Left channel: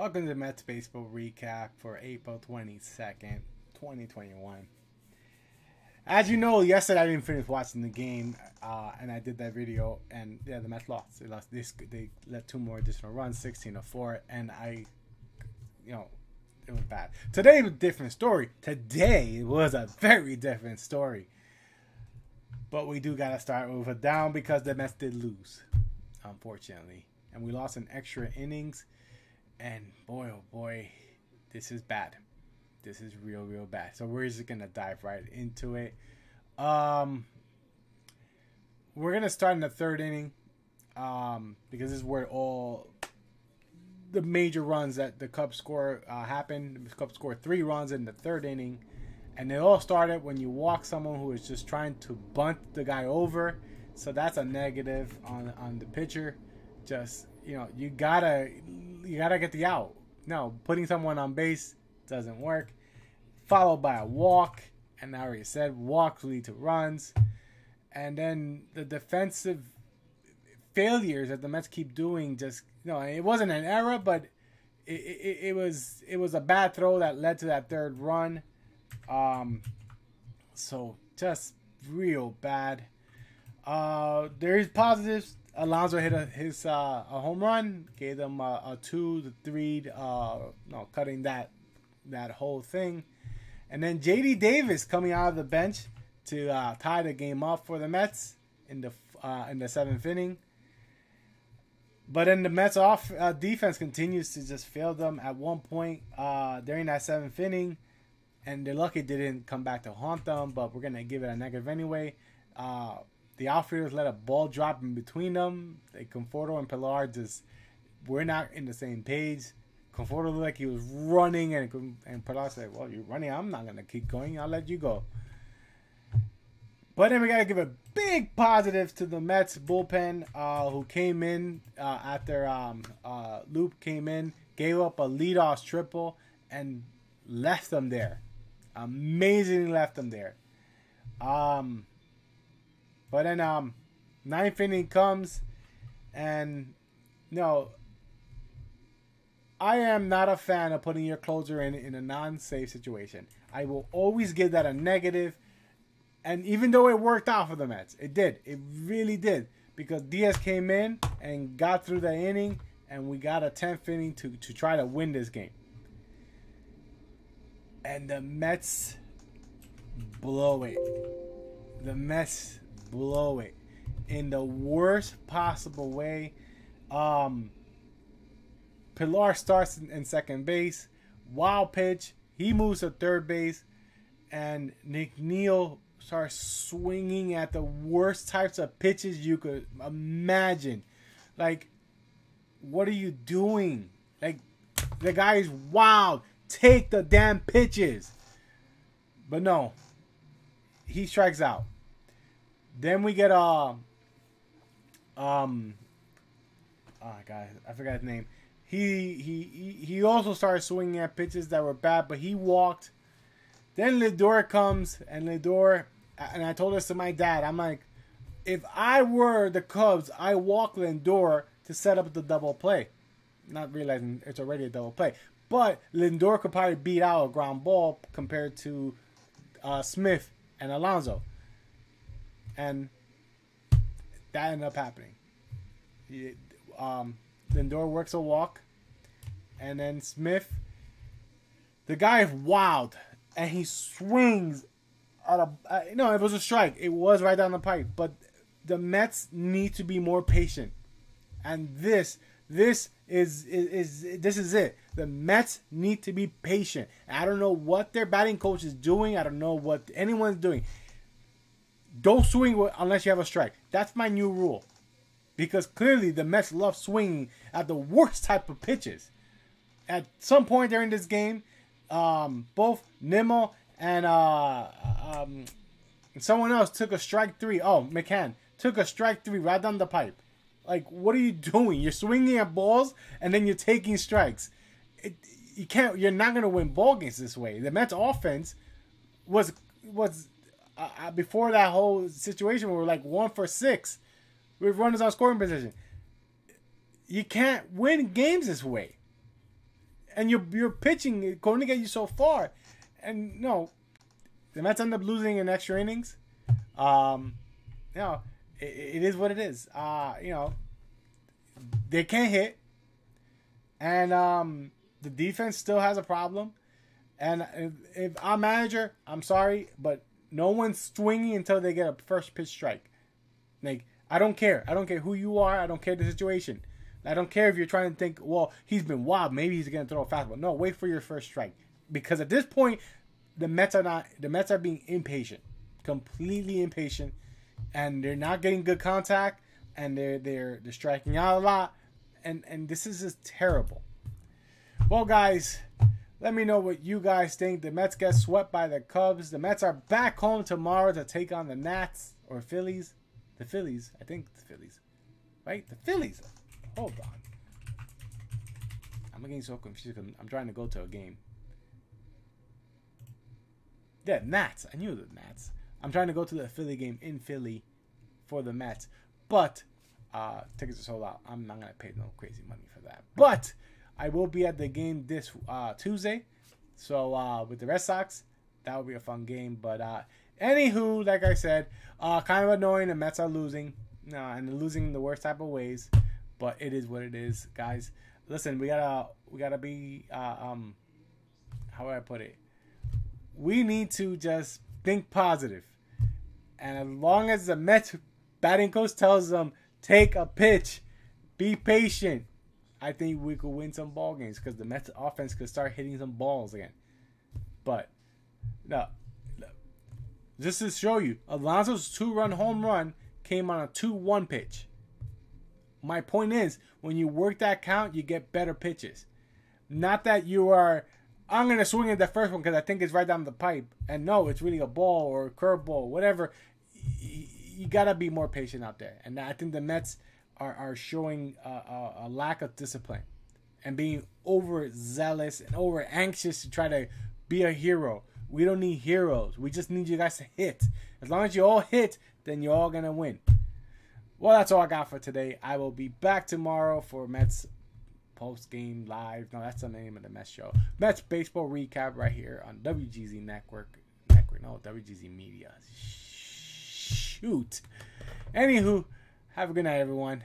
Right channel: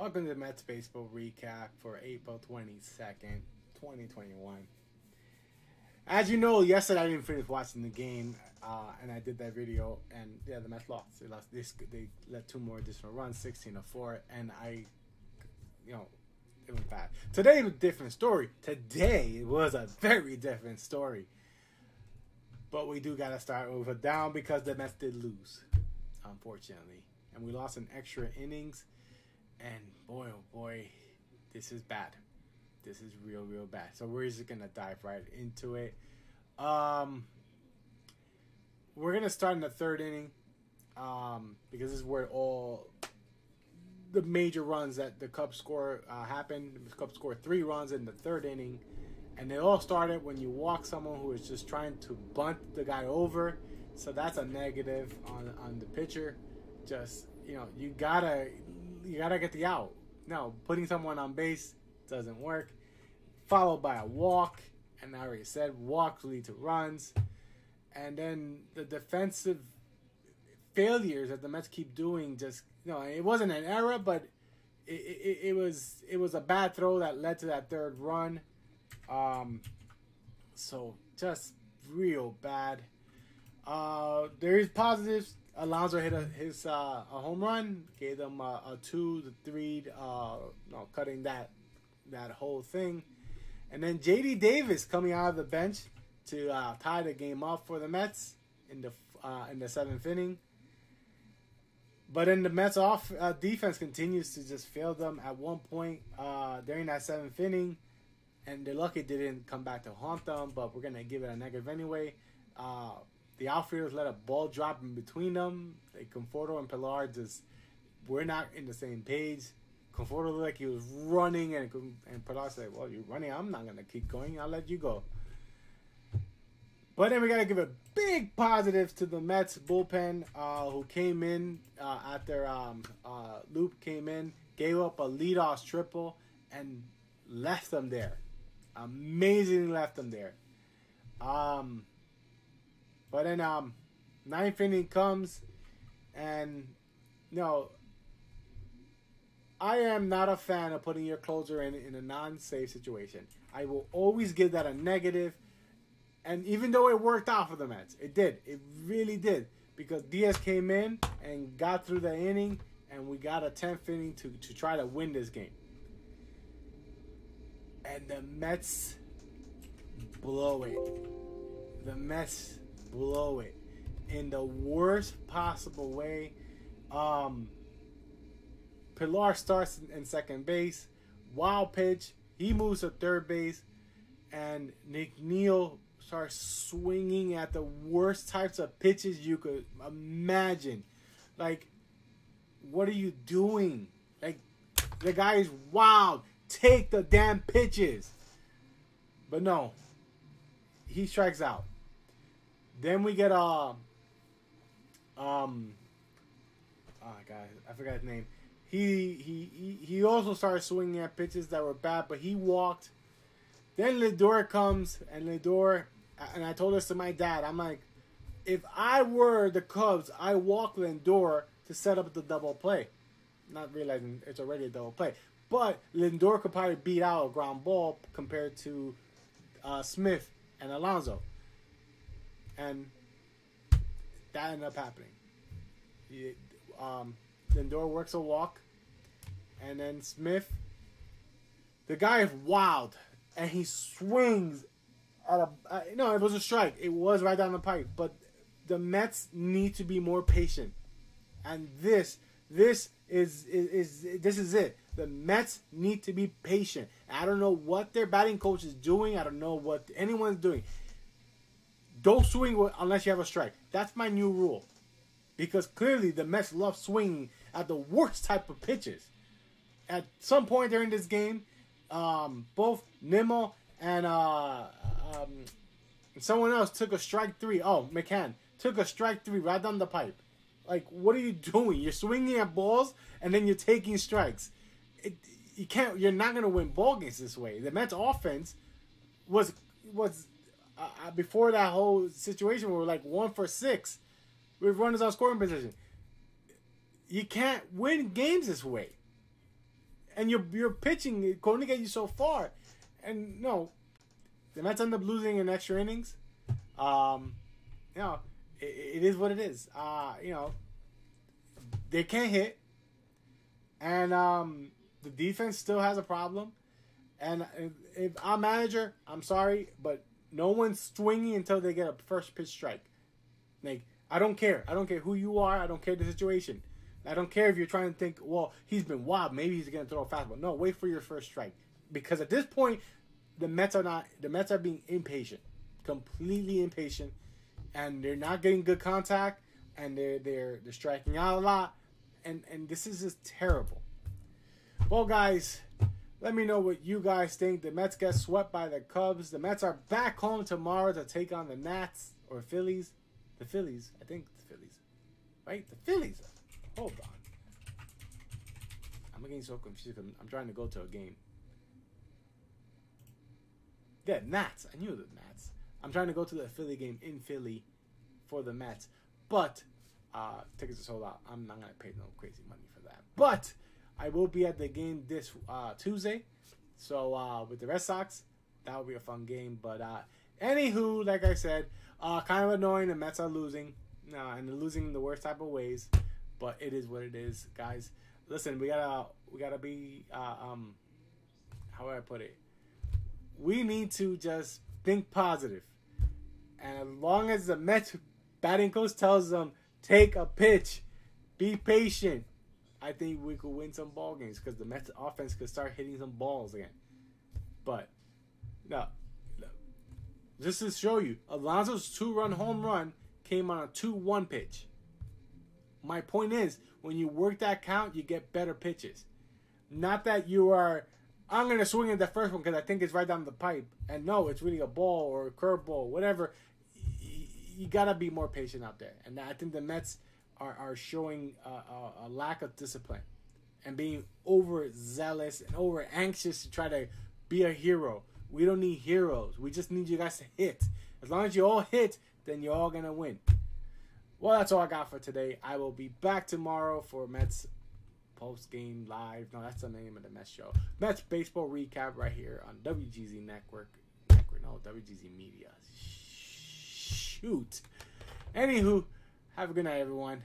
Welcome to the Mets Baseball Recap for April 22nd, 2021. As you know, yesterday I didn't finish watching the game, and I did that video, and yeah, the Mets lost. They let two more additional runs, 16-4, and it was bad. Today was a different story. Today was a very different story. But we do got to start with a down because the Mets did lose, unfortunately. And we lost in extra innings. And boy, oh boy, this is bad. This is real, real bad. So we're just going to dive right into it. We're going to start in the third inning because this is where all the major runs that the Cubs score happened. The Cubs scored 3 runs in the third inning. And they all started when you walk someone who is just trying to bunt the guy over. So that's a negative on the pitcher. Just, you gotta get the out. No, putting someone on base doesn't work. Followed by a walk. And I already said walks lead to runs. And then the defensive failures that the Mets keep doing just, it wasn't an error, but it was a bad throw that led to that third run. So just real bad. There's positives. Alonso hit a home run, gave them a 2-3, cutting that whole thing, and then J.D. Davis coming out of the bench to tie the game up for the Mets in the 7th inning. But then the Mets defense continues to just fail them at one point during that 7th inning. And they're lucky they didn't come back to haunt them, but we're going to give it a negative anyway. The outfielders let a ball drop in between them. Conforto and Pilar we're not in the same page. Conforto looked like he was running, and Pilar said, well, you're running. I'm not going to keep going. I'll let you go. But then we got to give a big positive to the Mets bullpen who came in after Loop came in, gave up a leadoff triple, and left them there. Amazingly left them there. But then 9th inning comes, and I am not a fan of putting your closer in a non-safe situation. I will always give that a negative. And even though it worked out for the Mets, it did. It really did. Because Diaz came in and got through the inning, and we got a 10th inning to try to win this game. And the Mets blow it. The Mets blow it in the worst possible way. Pilar starts in second base. Wild pitch. He moves to third base. And Nick Neal starts swinging at the worst types of pitches you could imagine. Like, what are you doing? Like, the guy is wild. Take the damn pitches. But no. He strikes out. Then we get oh God, I forgot his name. He also started swinging at pitches that were bad, but he walked. Then Lindor comes, and I told this to my dad. I'm like, if I were the Cubs, I walk Lindor to set up the double play. Not realizing it's already a double play. But Lindor could probably beat out a ground ball compared to Smith and Alonso. And that ended up happening. Lindor works a walk. And then Smith, the guy is wild. And he swings at it was a strike. It was right down the pipe. But the Mets need to be more patient. And this is it. The Mets need to be patient. I don't know what their batting coach is doing. I don't know what anyone's doing. Don't swing unless you have a strike. That's my new rule. Because clearly the Mets love swinging at the worst type of pitches. At some point during this game, both Nimmo and someone else took a strike 3. Oh, McCann took a strike 3 right down the pipe. Like, what are you doing? You're swinging at balls and then you're taking strikes. You're not going to win ball games this way. The Mets offense was before that whole situation where we're like 1 for 6 with runners on scoring position. You can't win games this way. and your pitching is going to get you so far. And no, the Mets end up losing in extra innings. You know, it is what it is. You know, they can't hit, and the defense still has a problem. And if I'm manager, I'm sorry, but no one's swinging until they get a first pitch strike. Like, I don't care. I don't care who you are. I don't care the situation. I don't care if you're trying to think, well, he's been wild. Maybe he's going to throw a fastball. No, wait for your first strike. Because at this point, the Mets are being impatient. Completely impatient. And they're not getting good contact. And they're striking out a lot. And this is just terrible. Well, guys, let me know what you guys think. The Mets get swept by the Cubs. The Mets are back home tomorrow to take on the Nats or Phillies. The Phillies. I think the Phillies. Right? The Phillies. Hold on. I'm getting so confused because I'm trying to go to a game. Yeah, Nats. I knew the Nats. I'm trying to go to the Philly game in Philly for the Mets. But tickets are sold out. I'm not going to pay no crazy money for that. But I will be at the game this Tuesday. So with the Red Sox, that will be a fun game. But anywho, like I said, kind of annoying. The Mets are losing. And they're losing in the worst type of ways. But it is what it is, guys. Listen, we gotta be how would I put it? We need to just think positive. And as long as the Mets batting coach tells them, take a pitch, be patient, I think we could win some ball games because the Mets offense could start hitting some balls again. But no, just to show you, Alonso's 2-run home run came on a 2-1 pitch. My point is, when you work that count, you get better pitches. Not that you are, I'm going to swing at the first one because I think it's right down the pipe. And no, it's really a ball or a curveball, whatever. You got to be more patient out there. And I think the Mets are showing a lack of discipline and being overzealous and over anxious to try to be a hero. We don't need heroes. We just need you guys to hit. As long as you all hit, then you're all going to win. Well, that's all I got for today. I will be back tomorrow for Mets post-game live. No, that's the name of the Mets show. Mets baseball recap right here on WGZ Network. No, WGZ Media. Shoot. Anywho, have a good night, everyone.